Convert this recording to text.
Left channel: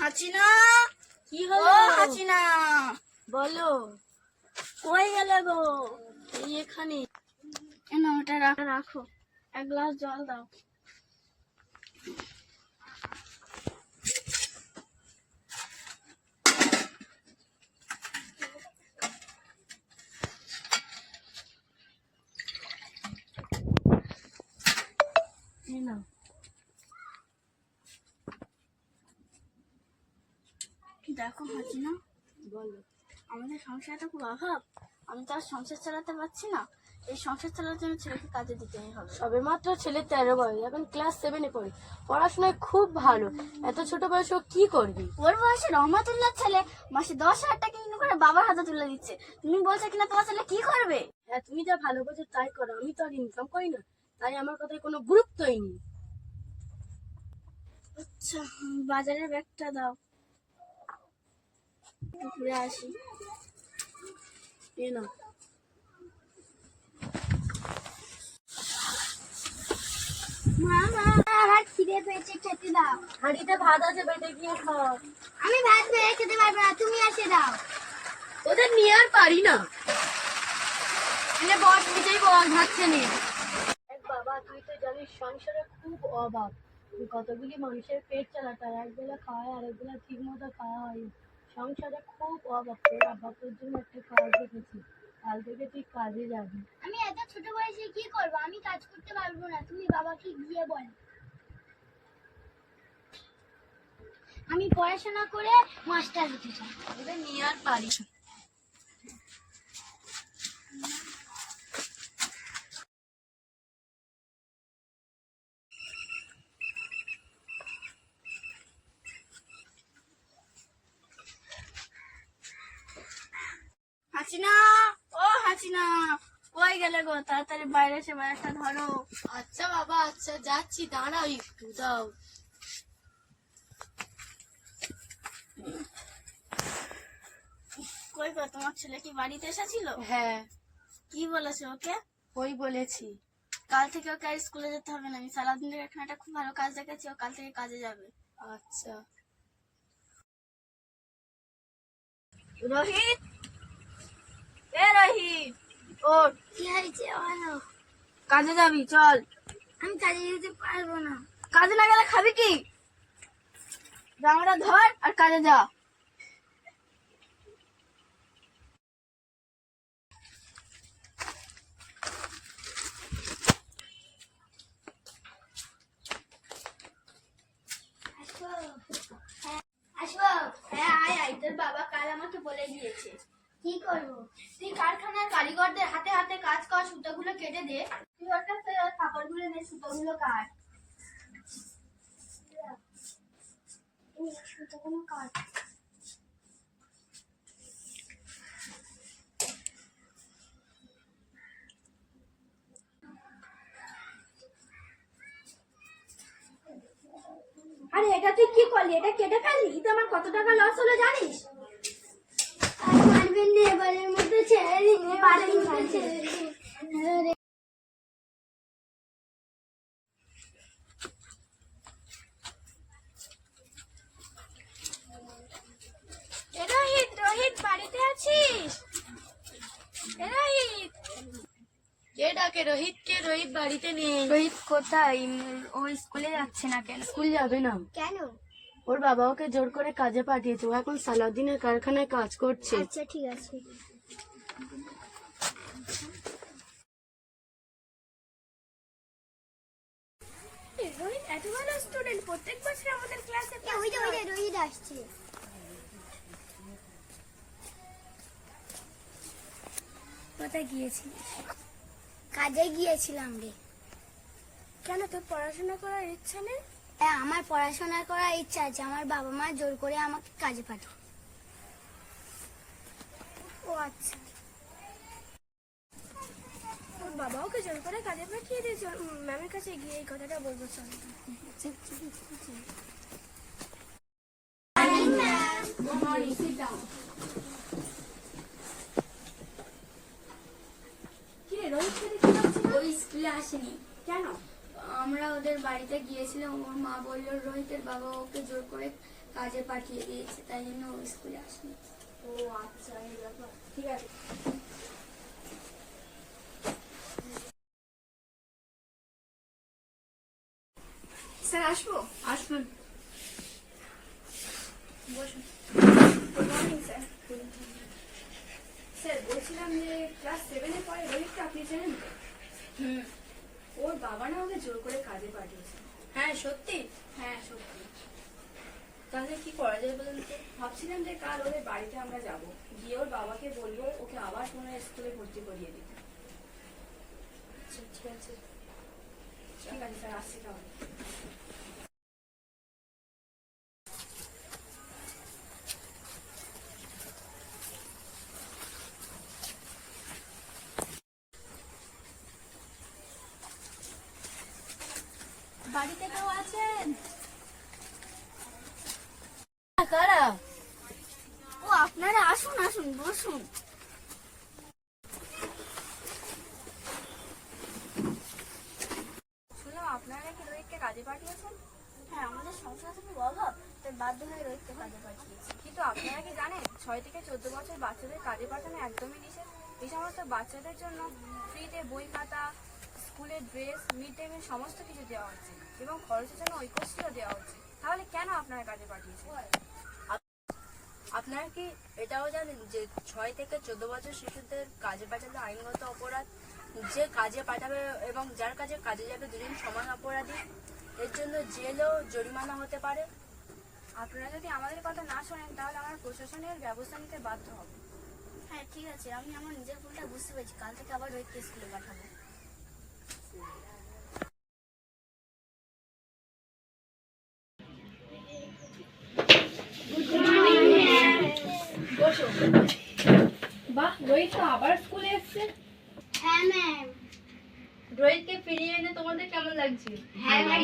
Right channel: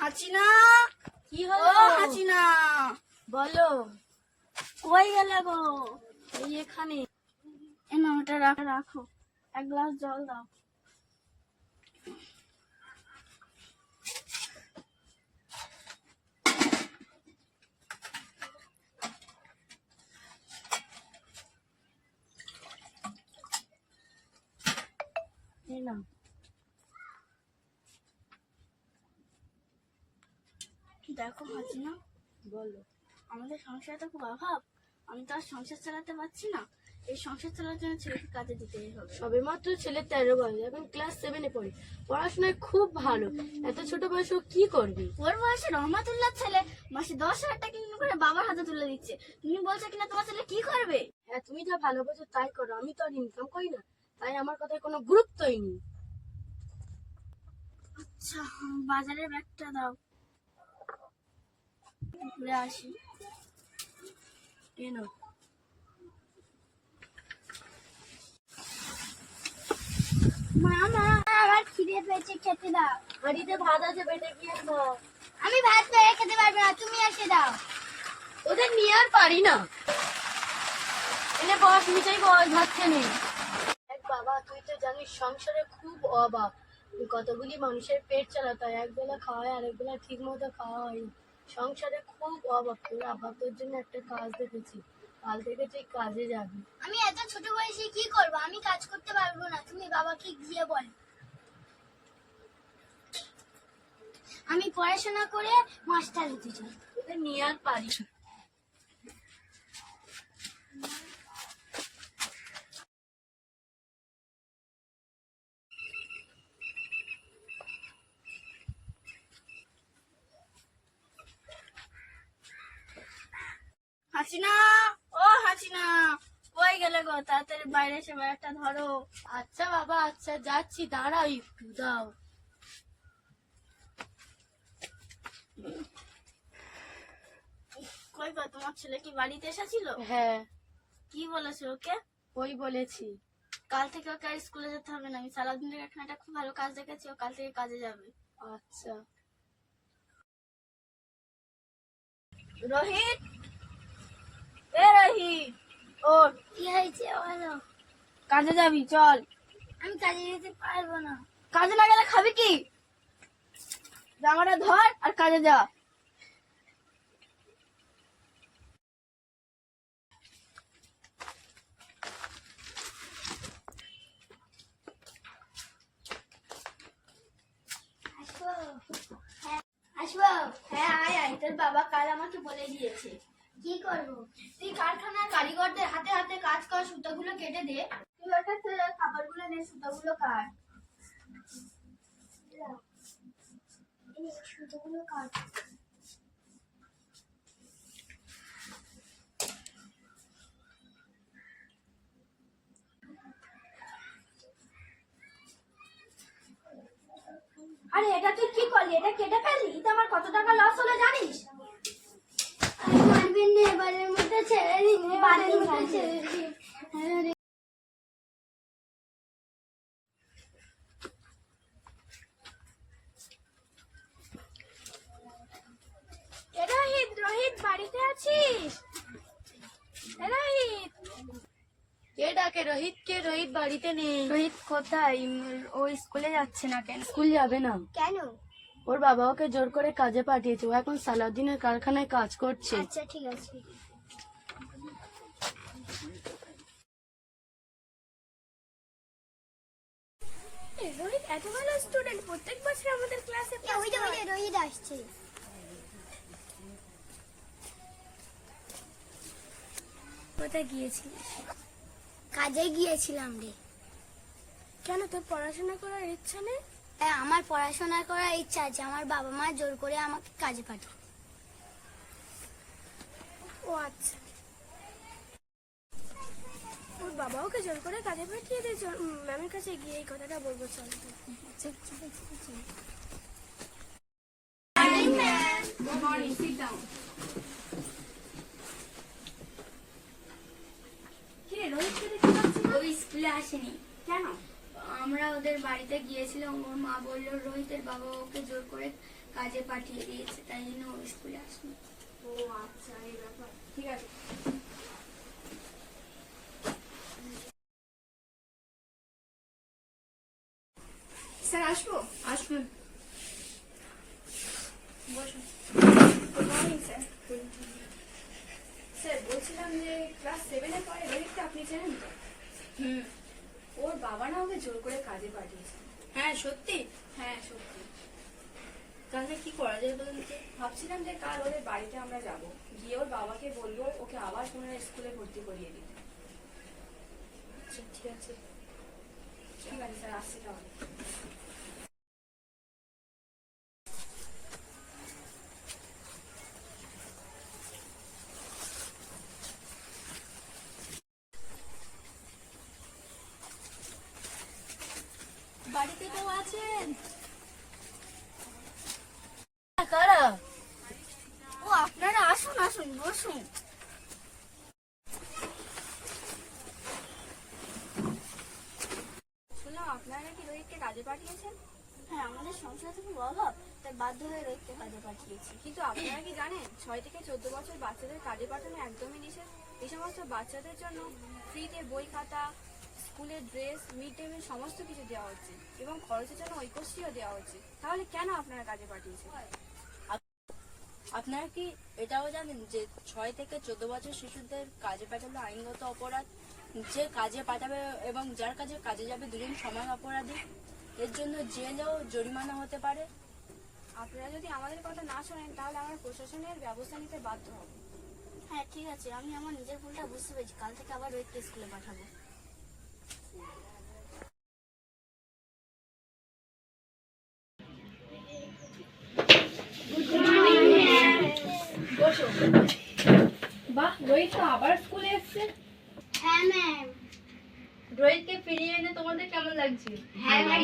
হাসিনা, কি হলো? হাসিনা বলো। কই গেলে গো? এই এখানে। না ওটা রাখো, এক গ্লাস জল দাও। এই নাও। দেখো হাসিনা, বলো। আমাদের সংসারে তো খুব অভাব, আমি তো আর সংসার চালাতে পারছি না। এই সংসার চালানোর জন্য ছেলেকে কাজে দিতেই হবে। সবে মাত্র ছেলে 13 বয়স, এখন ক্লাস 7-এ পড়ে, পড়াশোনায় খুব ভালো। এত ছোট বয়সে ও কি করবি? ওর বয়সে রহমাতুল্লাহ ছেলে মাসে 10,000 টাকা ইনকাম করে বাবার হাতে তুলে দিচ্ছে, তুমি বলছো কিনা তোমার ছেলে কি করবে? হ্যাঁ, তুমি যা ভালো বোঝো তাই করো, আমি তো আর ইনকাম করি না, তাই আমার কথায় কোনো গুরুত্বই নেই। আচ্ছা, বাজারের ব্যাগটা দাও, ঘুরে আসি। এই নাও। মা মা, আমার খিদে পেয়েছে, খেতে দাও। হাঁড়িতে ভাত আছে, বেটে গিয়ে খাও। আমি ভাত পেয়ে খেতে পারবো না, তুমি এসে দাও। ওদের নিয়ে আর পারি না। এনে বস, নিজেই বল, ভাতছে নেই। বাবা, তুই তো জানিস সংসারে খুব অভাব, কতগুলি মানুষের পেট চালাতে হয়, একবেলা খাওয়া হয়, আরেকবেলা ঠিক মতো খাওয়া হয় না। সংসারে খুব অভাব। তোর আব্বা তোর জন্য একটা কাজ দেখেছি, কাল থেকে তুই কাজে যাবি। আমি এত ছোট বয়সে কি করব? আমি কাজ করতে পারবো না, তুমি বাবাকে গিয়ে বলো। আমি পড়াশোনা করে মাস্টার হতে চাই। ওদের নিয়ে আর পারি না। হাসিনা, ও হাসিনা, কই গেলে গো? তাড়াতাড়ি বাইরে এসে ব্যাগটা ধরো। আচ্ছা বাবা, আচ্ছা যাচ্ছি, দাঁড়াও একটু, দাও। কই গো, তোমার ছেলে কি বাড়িতে এসেছিল? হ্যাঁ, কি বলেছে ওকে? ওই বলেছি। কাল থেকে ওকে আর স্কুলে যেতে হবে না, আমি সারাদিন থেকে এখানে একটা খুব ভালো কাজ দেখেছি, ও কাল থেকে কাজে যাবে। আচ্ছা। রোহিত, এ রোহিত, ওঠ। কি হয়েছে বলো? কাজে যাবি, চল। আমি কাজে যেতে পারবো না। কাজে না গেলে খাবি কি? জামাটা ধর আর কাজে যা। আসবো? হ্যাঁ আয় আয়, তোর বাবা কাল আমাকে বলে দিয়েছে। কি করবো? তুই কারখানার কারিগরদের হাতে হাতে কাজ কর, সুতোগুলো কেটে দে। তুই ওটা কাপড়গুলো নে, সুতোগুলো কাট। এই সুতোগুলো কাট। আরে এটা তুই কি করলি? এটা কেটে ফেললি, তো আমার কত টাকা লস হলো জানিস? আর মারবেন না, এবারের মধ্যে ছেড়ে দিন, এবারের মধ্যে ছেড়ে দিন। রোহিত, রোহিত বাড়িতে আছিস? রোহিত, কে ডাকে? রোহিত কে? রোহিত বাড়িতে নেই। রোহিত কোথায়? ও স্কুলে যাচ্ছে না কেন? স্কুল যাবে না। কেন? ওর বাবা ওকে জোর করে কাজে পাঠিয়েছে, ও এখন সালাউদ্দিনের কারখানায় কাজ করছে। আচ্ছা ঠিক আছে। রোহিত এত ভালো স্টুডেন্ট, প্রত্যেক বছর আমাদের ক্লাসে রোহিত আসছে। কোথায় গিয়েছিলিস? কাজে গিয়েছিলাম রে। কেন, তোর পড়াশোনা করার ইচ্ছা নেই? হ্যাঁ, আমার পড়াশোনা করার ইচ্ছা আছে, আমার বাবা মা জোর করে আমাকে কাজে পাঠায়। ও আচ্ছা, তোর বাবা ওকে জোর করে কাজে পাঠিয়ে দিয়েছে। ম্যামের কাছে গিয়ে এই কথাটা বলবো, চল। ও স্কুলে আসেনি কেন? আমরা ওদের বাড়িতে গিয়েছিলাম, ওর মা বললো রোহিতের বাবা ওকে জোর করে কাজে পাঠিয়ে দিয়েছে, তাই জন্য ও স্কুলে আসেনি। ও আচ্ছা, এই ব্যাপার। ঠিক আছে। স্যার আসবো? আসবেন। বসুন। Good morning sir. স্যার বলছিলাম যে ক্লাস 7-এ পড়ে রোহিতকে আপনি চেনেন তো? হুম। ওর বাবা না ওকে জোর করে কাজে পাঠিয়েছে। হ্যাঁ সত্যি? হ্যাঁ সত্যি। তাহলে কি করা যায় বলুন তো? ভাবছিলাম যে কাল ওদের বাড়িতে আমরা যাব, গিয়ে ওর বাবাকে বলবো ওকে আবার পুনরায় স্কুলে ভর্তি করিয়ে দিতে। আচ্ছা ঠিক আছে। ঠিক আছে স্যার, আসছি তাহলে। বাড়িতে কেউ আছেন? কারা? ও আপনারা আসুন আসুন, বসুন। শুনলাম আপনারা নাকি রোহিতকে কাজে পাঠিয়েছেন। হ্যাঁ, আমাদের সংসারে খুব অভাব, তাই বাধ্য হয়ে রোহিতকে কাজে পাঠিয়েছি। কিন্তু আপনারা কি জানেন 6 থেকে 14 বছর বাচ্চাদের কাজে পাঠানো একদমই নিষেধ। এই সমস্ত বাচ্চাদের জন্য ফ্রিতে বই খাতা, স্কুলের ড্রেস, মিড ডে মিল সমস্ত কিছু দেওয়া হচ্ছে এবং খরচের জন্য ঐক্যশ্রীও দেওয়া হচ্ছে। তাহলে কেন আপনারা কাজে পাঠিয়েছেন? আপনারা কি এটাও জানেন যে 6 থেকে 14 বছর শিশুদের কাজে পাঠালে আইনগত অপরাধ? যে কাজে পাঠাবে এবং যার কাছে কাজে যাবে দুজন সমান অপরাধী। এর জন্য জেলও জরিমানা হতে পারে। আপনারা যদি আমাদের কথা না শোনেন তাহলে আমরা প্রশাসনের ব্যবস্থা নিতে বাধ্য হব। হ্যাঁ ঠিক আছে, আমি আমার নিজের ভুলটা বুঝতে পেরেছি। কাল থেকে আবার রোহিতকে স্কুলে পাঠাবো। বাহ, রোহিত তো আবার স্কুলে এসেছে। হ্যাঁ ম্যাম। রোহিতকে ফিরিয়ে এনে তোমাদের কেমন লাগছে? হ্যাঁ ম্যাম।